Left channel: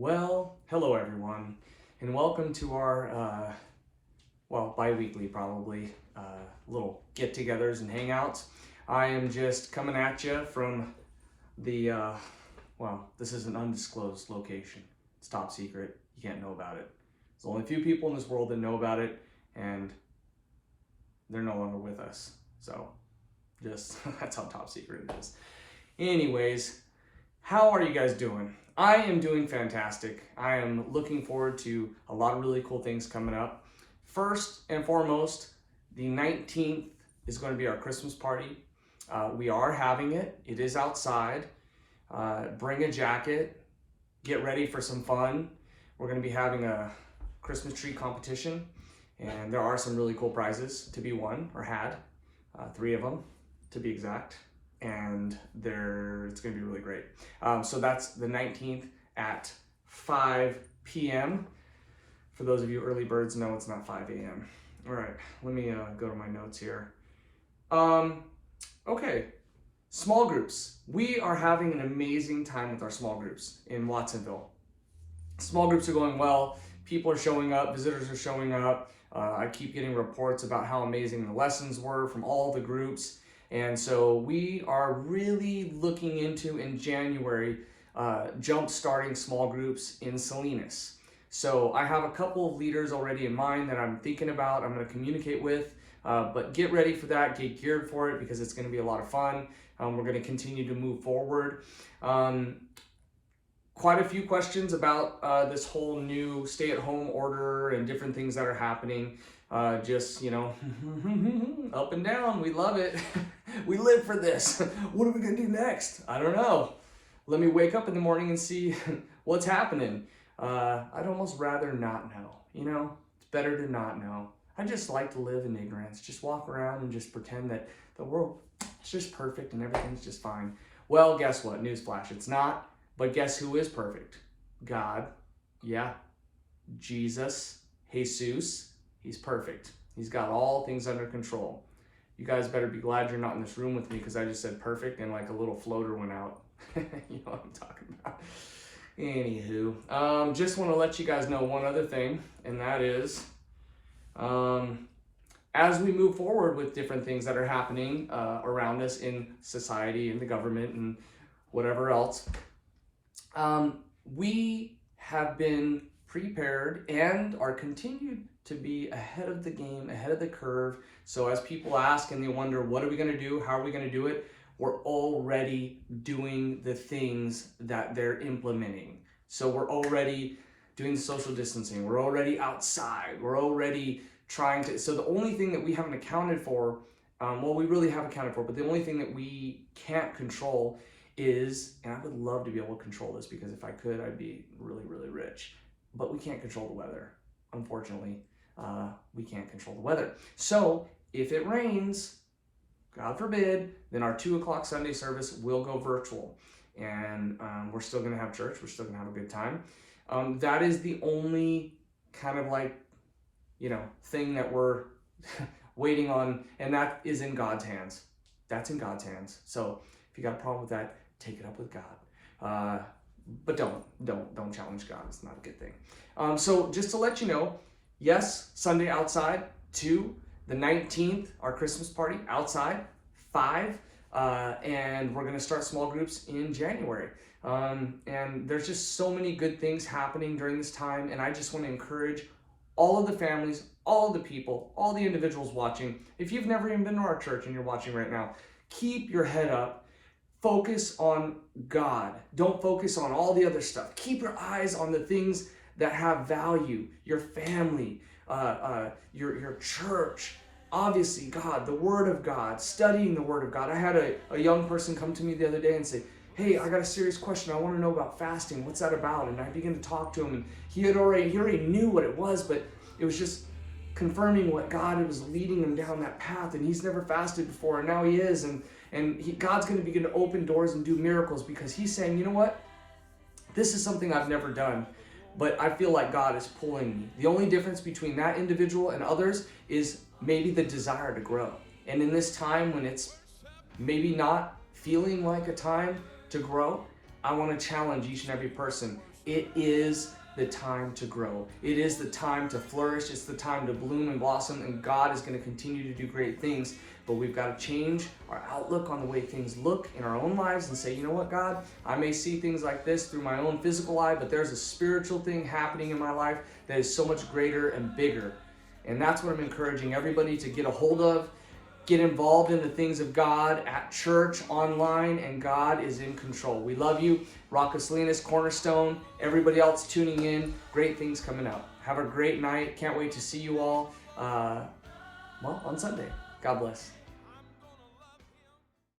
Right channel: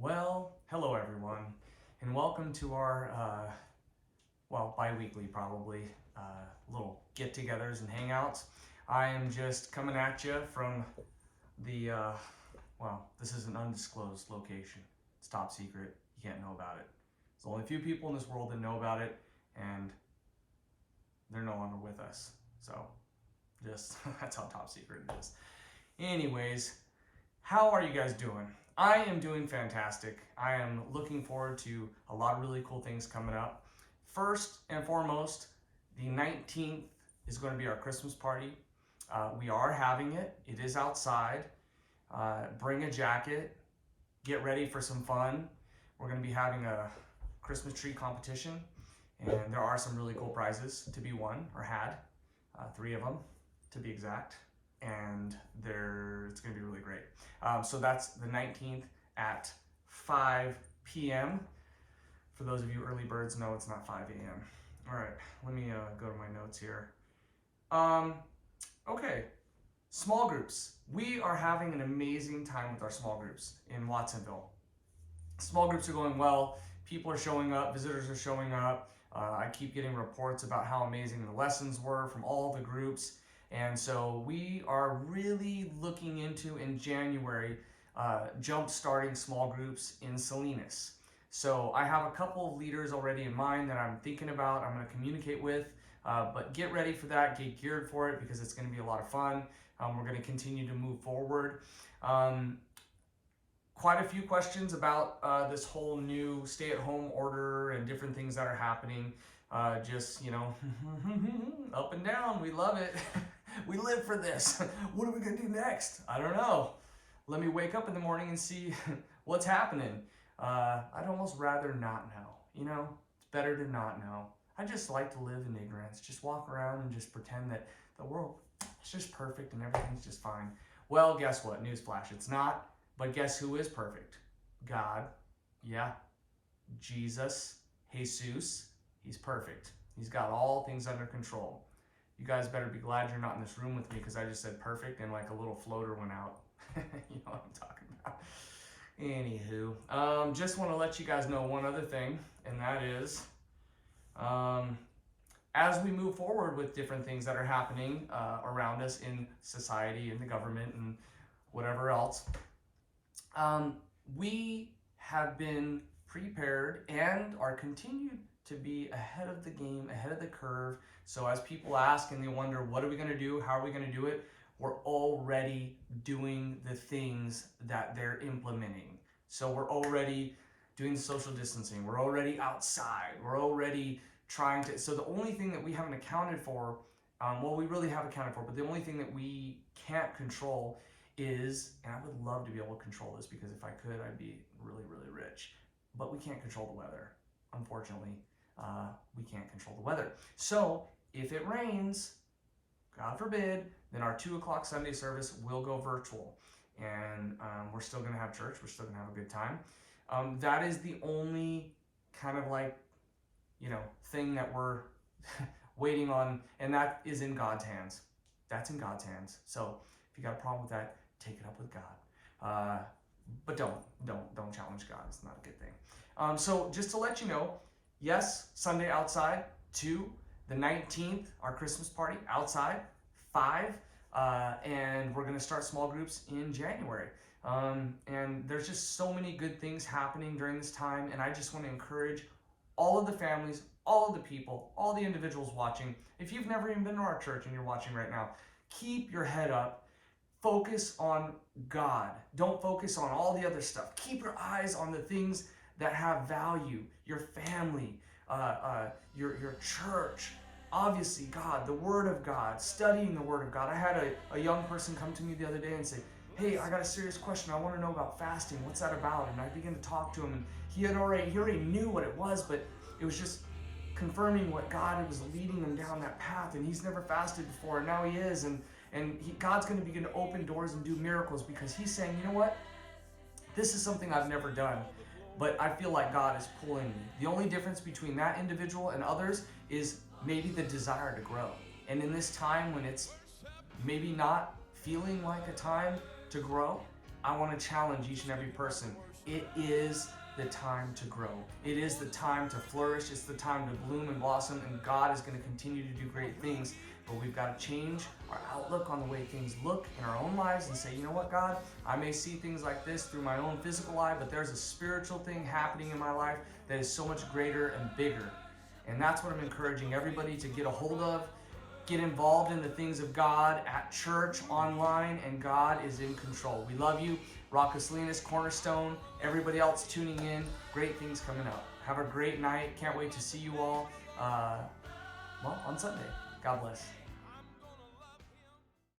Well, hello everyone, and welcome to our, bi-weekly probably, little get-togethers and hangouts. I am just coming at you from the, this is an undisclosed location. It's top secret. You can't know about it. There's only a few people in this world that know about it, and they're no longer with us. So, just, that's how top secret it is. Anyways, how are you guys doing? I am doing fantastic. I am looking forward to a lot of really cool things coming up. First and foremost, the 19th is going to be our Christmas party. We are having it. It is outside. Bring a jacket. Get ready for some fun. We're going to be having a Christmas tree competition, and there are some really cool prizes to be won or had. 3 of them, to be exact. And it's going to be really great. So that's the 19th at 5 p.m. For those of you early birds, no, it's not 5 a.m. All right, let me go to my notes here. Okay, small groups. We are having an amazing time with our small groups in Watsonville. Small groups are going well. People are showing up. Visitors are showing up. I keep getting reports about how amazing the lessons were from all the groups. And so we are really looking into, in January, jump-starting small groups in Salinas. So I have a couple of leaders already in mind that I'm thinking about, I'm going to communicate with, but get ready for that, get geared for it, because it's going to be a lot of fun. We're going to continue to move forward. Quite a few questions about this whole new stay-at-home order and different things that are happening. Just, up and down. We love it. We live for this. What are we going to do next? I don't know. Let me wake up in the morning and see what's happening. I'd almost rather not know. It's better to not know. I just like to live in ignorance. Just walk around and just pretend that the world is just perfect and everything's just fine. Well, guess what? Newsflash, it's not. But guess who is perfect? God. Yeah. Jesus. Jesus. He's perfect. He's got all things under control. You guys better be glad you're not in this room with me, because I just said perfect and like a little floater went out. You know what I'm talking about. Anywho, just want to let you guys know one other thing, and that is, as we move forward with different things that are happening around us in society, in the government, and whatever else, we have been prepared and are continued to be ahead of the game, ahead of the curve. So as people ask and they wonder, what are we going to do? How are we going to do it? We're already doing the things that they're implementing. So we're already doing the social distancing. We're already outside. We're already trying to, so the only thing that we haven't accounted for, we really have accounted for, but the only thing that we can't control is, and I would love to be able to control this, because if I could, I'd be really, really rich, but we can't control the weather. Unfortunately, we can't control the weather. So if it rains, God forbid, then our 2 o'clock Sunday service will go virtual. And we're still going to have church. We're still going to have a good time. That is the only kind of thing that we're waiting on, and that is in God's hands. That's in God's hands. So if you got a problem with that, take it up with God. But don't challenge God. It's not a good thing. So just to let you know, yes, Sunday outside. 2, the 19th, our Christmas party outside. 5, and we're going to start small groups in January. And there's just so many good things happening during this time, and I just want to encourage all of the families, all of the people, all the individuals watching. If you've never even been to our church and you're watching right now, keep your head up. Focus on God. Don't focus on all the other stuff. Keep your eyes on the things that have value. Your family, your church, obviously God, the Word of God, studying the Word of God. I had a young person come to me the other day and say, hey, I got a serious question. I want to know about fasting. What's that about? And I began to talk to him, and he already knew what it was, but it was just confirming what God was leading him down that path. And he's never fasted before, and now he is. And God's going to begin to open doors and do miracles, because he's saying, you know what? This is something I've never done, but I feel like God is pulling me. The only difference between that individual and others is maybe the desire to grow. And in this time when it's maybe not feeling like a time to grow, I want to challenge each and every person. It is the time to grow. It is the time to flourish. It's the time to bloom and blossom, and God is going to continue to do great things. But we've got to change our outlook on the way things look in our own lives and say, you know what, God, I may see things like this through my own physical eye, but there's a spiritual thing happening in my life that is so much greater and bigger. And that's what I'm encouraging everybody to get a hold of. Get involved in the things of God at church, online, and God is in control. We love you. Rocco Salinas, Cornerstone, everybody else tuning in. Great things coming out. Have a great night. Can't wait to see you all on Sunday. God bless.